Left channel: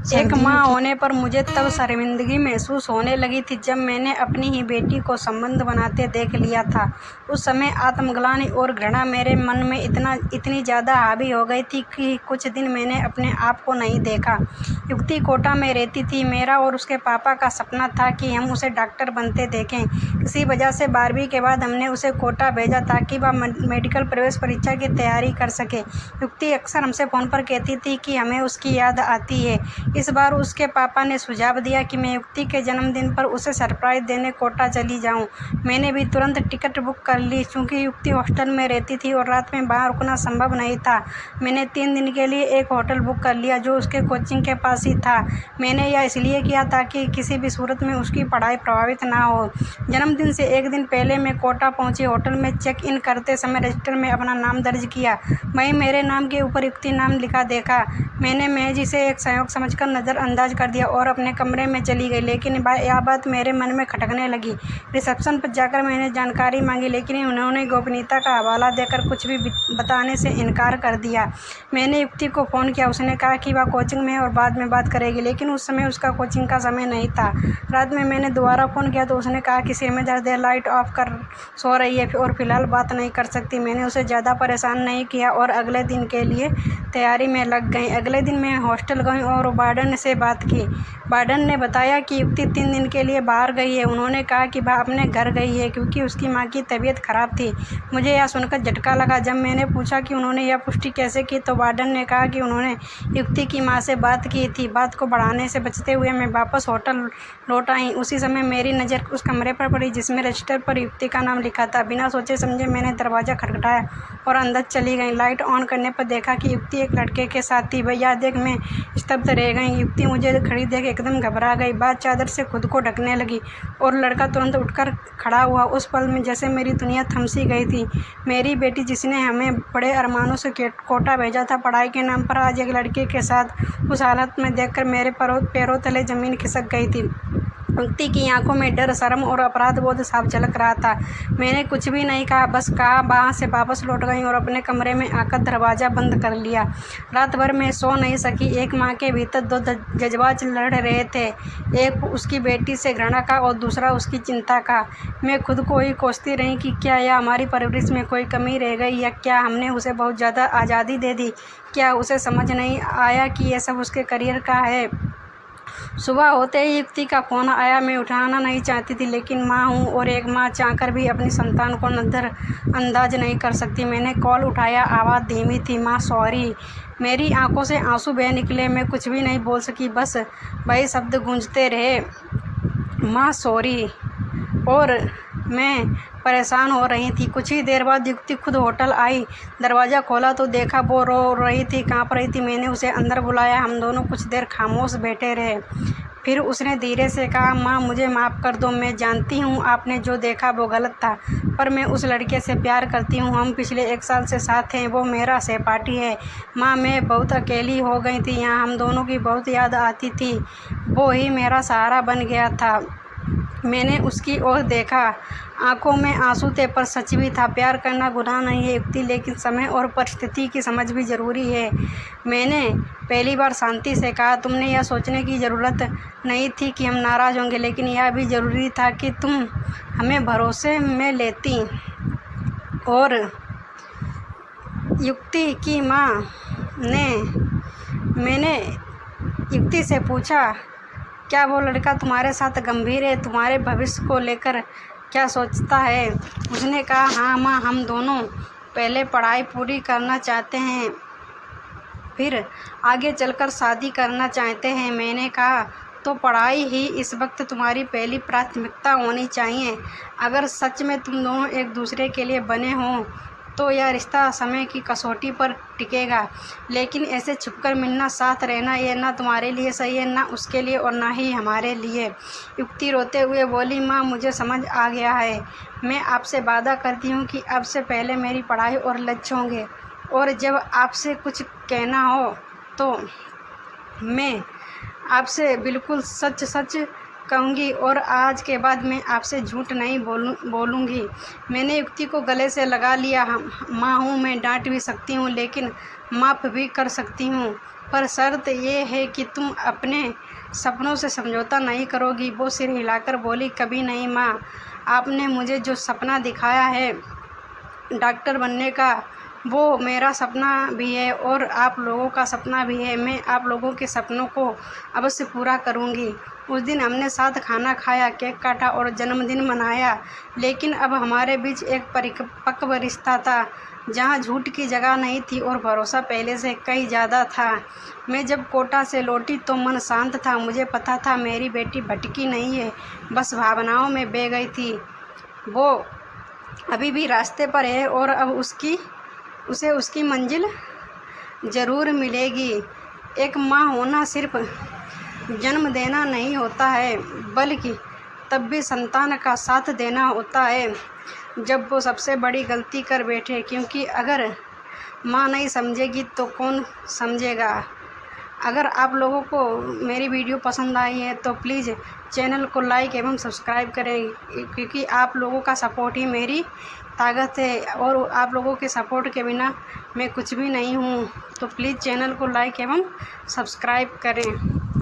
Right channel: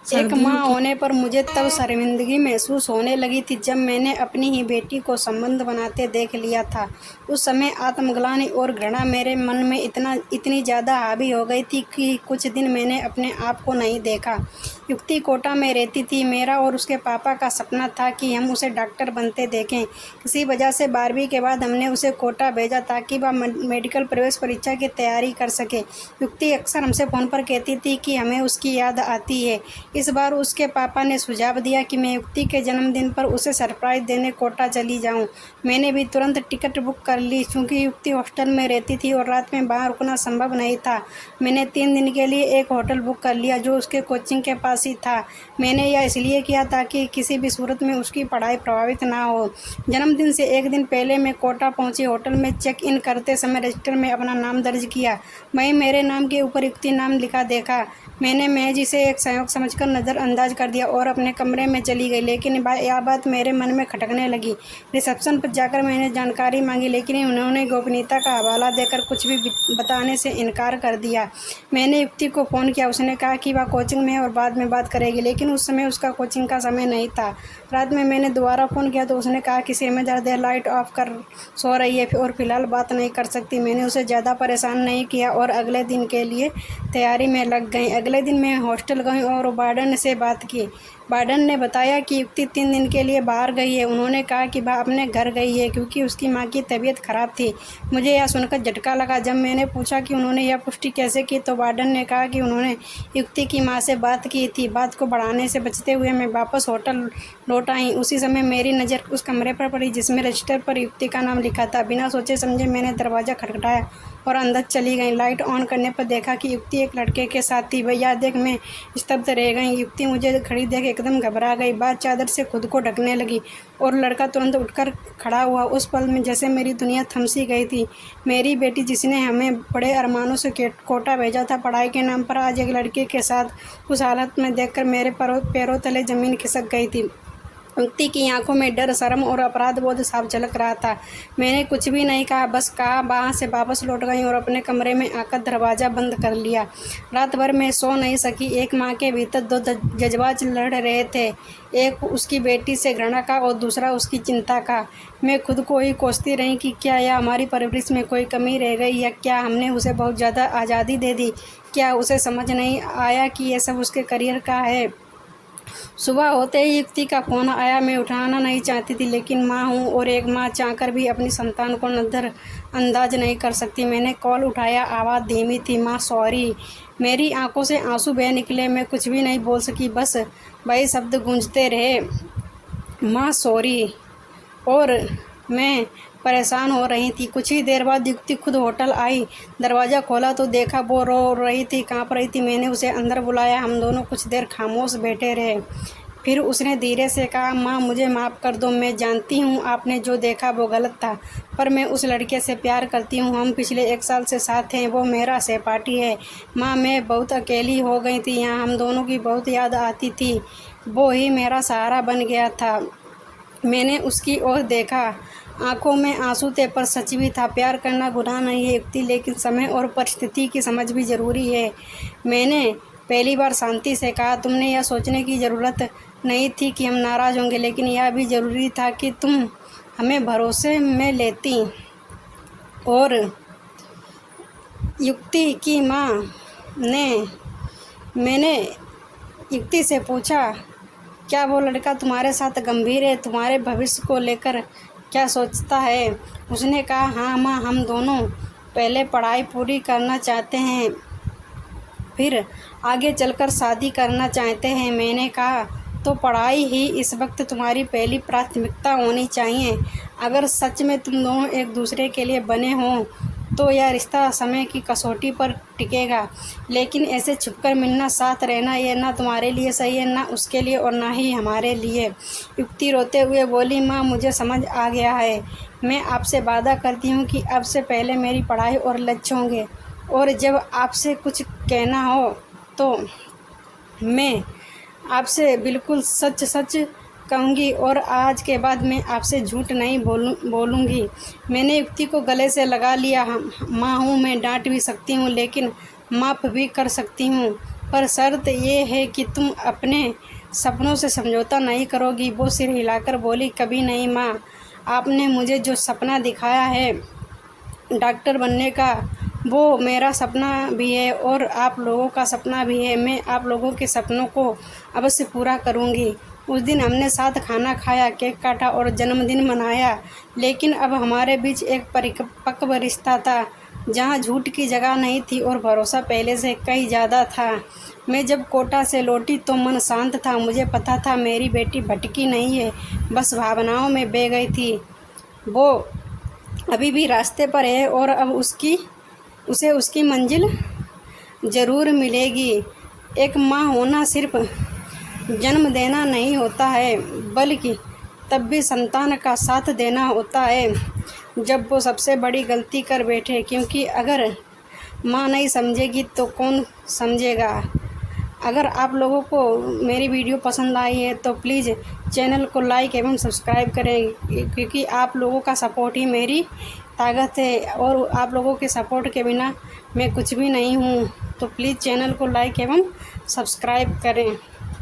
एक माँ होने पर मुझे तब शर्मिंदगी महसूस होने लगी थी जब मैंने अपनी ही बेटी को संबंध बनाते देख लिया था। उस समय आत्मग्लानि और घृणा मेरे मन में इतनी ज़्यादा हावी हो गई थी कि कुछ दिन मैंने अपने आप को नहीं देखा। युक्ति कोटा में रहती थी। मेरा और उसके पापा का सपना था कि हम उसे डॉक्टर बनते देखें। किसी वजह से 12वीं के बाद हमने उसे कोटा भेजा ताकि वह मेडिकल प्रवेश परीक्षा की तैयारी कर सके। युक्ति अक्सर हमसे फ़ोन पर कहती थी कि हमें उसकी याद आती है। इस बार उसके पापा ने सुझाव दिया कि मैं युक्ति के जन्मदिन पर उसे सरप्राइज़ देने कोटा चली जाऊं। मैंने भी तुरंत टिकट बुक कर ली। चूँकि युक्ति हॉस्टल में रहती थी और रात में बाहर रुकना संभव नहीं था, मैंने 3 दिन के लिए एक होटल बुक कर लिया जो उसके कोचिंग के पास ही था। मैंने यह इसलिए किया ताकि किसी भी सूरत में उसकी पढ़ाई प्रभावित ना हो। जन्मदिन से 1 दिन पहले मैं कोटा पहुंची। होटल में चेक इन करते समय रजिस्टर में अपना नाम दर्ज किया। वहीं मेरे नाम के ऊपर युक्ति नाम लिखा देखा। मैंने महज इसे एक सहयोग समझकर नज़रअंदाज कर दिया और अपने कमरे में चली गई। लेकिन यह बात मेरे मन में खटकने लगी। रिसेप्शन पर जाकर मैंने जानकारी मांगी, लेकिन उन्होंने गोपनीयता का हवाला देकर कुछ भी बताने से इनकार कर दिया। मैंने युक्ति को फ़ोन किया। उसने कहा कि वह कोचिंग में है और बाद में बात करेगी, लेकिन उस समय उसका कोचिंग का समय नहीं था। रात में मैंने दोबारा फ़ोन किया तो उसने कहा कि समय ज़्यादा लाइट ऑफ कर सो रही है और फिलहाल बात नहीं कर सकती। मैंने उसे ज़्यादा परेशान नहीं किया और अगले दिन के लिए तैयारी में लग गई। अगले दिन मैं हॉस्टल गई और वार्डन से बात की। वार्डन ने बताया कि युक्ति 3 दिन के लिए बाहर गई है। उन्होंने कहा कि वह अपने घर गई है क्योंकि उसकी माँ की तबीयत खराब थी। मुझे यह सुनकर झटका लगा। जब मैंने पूछा कि उन्होंने यह पुष्टि कैसे की तो वार्डन ने कहा कि उन्होंने युक्ति की माँ से बात की थी। बात को बढ़ाने से बचते हुए मैं वापस होटल लौट आई। उसी समय मेरी नज़र उस कमरे पर पड़ी जिसमें रजिस्टर पर युक्ति का नाम लिखा था। बिना सोचे समझे मैंने दरवाज़ा खटखटाया और अंदर चली गई। लाइट ऑन करने पर देखा कि युक्ति एक लड़के के साथ थी। भैया देख मैं स्तब्ध रह गई। युक्ति मुझे खड़ी देख एकदम घबरा गई। बात चादर से खुद को ढकने लगी और लड़का तुरंत उठकर खड़ा हुआ। उस पल में जैसे मेरी दुनिया थम सी गई थी। मेरी बेटी जिसने हमें बड़े अरमानों से कोटा भेजा था पढ़ाई के नाम पर, आज एक लड़के के साथ उस हालत में देखकर मेरे पैरों तले ज़मीन खिसक गई थी। युक्ति की आंखों में डर, शर्म और अपराध बोध साफ झलक रहा था। मैंने कुछ भी नहीं कहा, बस कहा वहाँ से वापस लौट गई और अपने कमरे में आकर दरवाज़ा बंद कर लिया। रात भर मैं सो नहीं सकी। एक माँ के भीतर 2 जज्बात लड़ रहे थे, एक उसकी बेटी से घृणा का और दूसरा उसकी चिंता का। मैं खुद को ही कोसती रही कि क्या यह हमारी परवरिश में कोई कमी रह गई या क्या हमने उसे बहुत ज़्यादा आज़ादी दे दी। क्या उसे समझ नहीं आया कि यह सब उसके करियर का है। सुबह होते ही युक्ति का फ़ोन आया। मैं उठाना नहीं चाहती थी, लेकिन माँ हूँ और एक माँ चाहकर भी अपनी संतान को नज़रअंदाज नहीं कर सकती। मैंने कॉल उठाया। आवाज़ धीमी थी, माँ सॉरी। मेरी आंखों से आंसू बह निकले। मैं कुछ भी नहीं बोल सकी, बस वही शब्द गूंजते रहे, माँ सॉरी। और मैं परेशान हो रही थी। कुछ ही देर बाद युक्ति खुद होटल आई। दरवाज़ा खोला तो देखा वो रो रही थी, काँप रही थी। मैंने उसे अंदर बुलाया। हम दोनों कुछ देर खामोश बैठे रहे। फिर उसने धीरे से कहा, माँ मुझे माफ़ कर दो। मैं जानती हूँ आपने जो देखा वो गलत था, पर मैं उस लड़के से प्यार करती हूँ। हम पिछले 1 साल से साथ हैं। वो मेरा सहपाठी है। माँ मैं बहुत अकेली हो गई थी। यहाँ हम दोनों की बहुत याद आती थी। वो ही मेरा सहारा बन गया था। मैंने उसकी ओर देखा। आंखों में आंसू थे, पर सच भी था। प्यार करना गुनाह नहीं है युक्ति, लेकिन समय और परिस्थिति की समझ भी ज़रूरी है। मैंने पहली बार शांति से कहा, तुमने यह सोचने की ज़रूरत नहीं थी कि हम नाराज़ होंगे, लेकिन यह भी ज़रूरी था कि तुम हमें भरोसे में लेती। और युक्ति की माँ ने मैंने युक्ति से पूछा, क्या वो लड़का तुम्हारे साथ गंभीर है? तुम्हारे भविष्य को लेकर क्या सोचता है? उसने कहा, हाँ माँ, हम दोनों पहले पढ़ाई पूरी करना चाहते हैं, फिर आगे चलकर शादी करना चाहते हैं। मैंने कहा, तो पढ़ाई ही इस वक्त तुम्हारी पहली प्राथमिकता होनी चाहिए। अगर सच में तुम दोनों एक दूसरे के लिए बने हों तो यह रिश्ता समय की कसौटी पर टिकेगा। लेकिन ऐसे छुपकर मिलना, साथ रहना, ये ना तुम्हारे लिए सही है, ना उसके लिए और ना ही हमारे लिए। युक्ति रोते हुए बोली, माँ मुझे समझ आ गया है। मैं आपसे वादा करती हूँ कि अब से पहले मेरी पढ़ाई और लक्ष्य होंगे, और जब आपसे कुछ कहना हो तो मैं आपसे बिल्कुल सच सच कहूँगी, और आज के बाद मैं आपसे झूठ नहीं बोलूँगी। मैंने युक्ति को गले से लगा लिया। माँ हूँ, मैं डांट भी सकती हूँ, लेकिन माफ़ भी कर सकती हूँ। पर शर्त ये है कि तुम अपने सपनों से समझौता नहीं करोगी। वो सिर हिलाकर बोली, कभी नहीं माँ। आपने मुझे जो सपना दिखाया है डॉक्टर बनने का, वो मेरा सपना भी है और आप लोगों का सपना भी है। मैं आप लोगों के सपनों को अवश्य पूरा करूँगी। उस दिन हमने साथ खाना खाया, केक काटा और जन्मदिन मनाया, लेकिन अब हमारे बीच एक परिपक्व रिश्ता था जहाँ झूठ की जगह नहीं थी और भरोसा पहले से कहीं ज़्यादा था। मैं जब कोटा से लौटी तो मन शांत था। मुझे पता था मेरी बेटी भटकी नहीं है, बस भावनाओं में बह गई थी। वो अभी भी रास्ते पर है और अब उसे उसकी मंजिल ज़रूर मिलेगी। एक माँ होना सिर्फ जन्म देना नहीं होता है, बल्कि तब भी संतान का साथ देना होता है जब वो सबसे बड़ी गलती कर बैठे, क्योंकि अगर माँ नहीं समझेगी तो कौन समझेगा। अगर आप लोगों को मेरी वीडियो पसंद आई है तो प्लीज़ चैनल को लाइक एवं सब्सक्राइब करें, क्योंकि आप लोगों का सपोर्ट ही मेरी ताकत है और आप लोगों के सपोर्ट के बिना मैं कुछ भी नहीं हूँ। तो प्लीज़ चैनल को लाइक एवं सब्सक्राइब करें।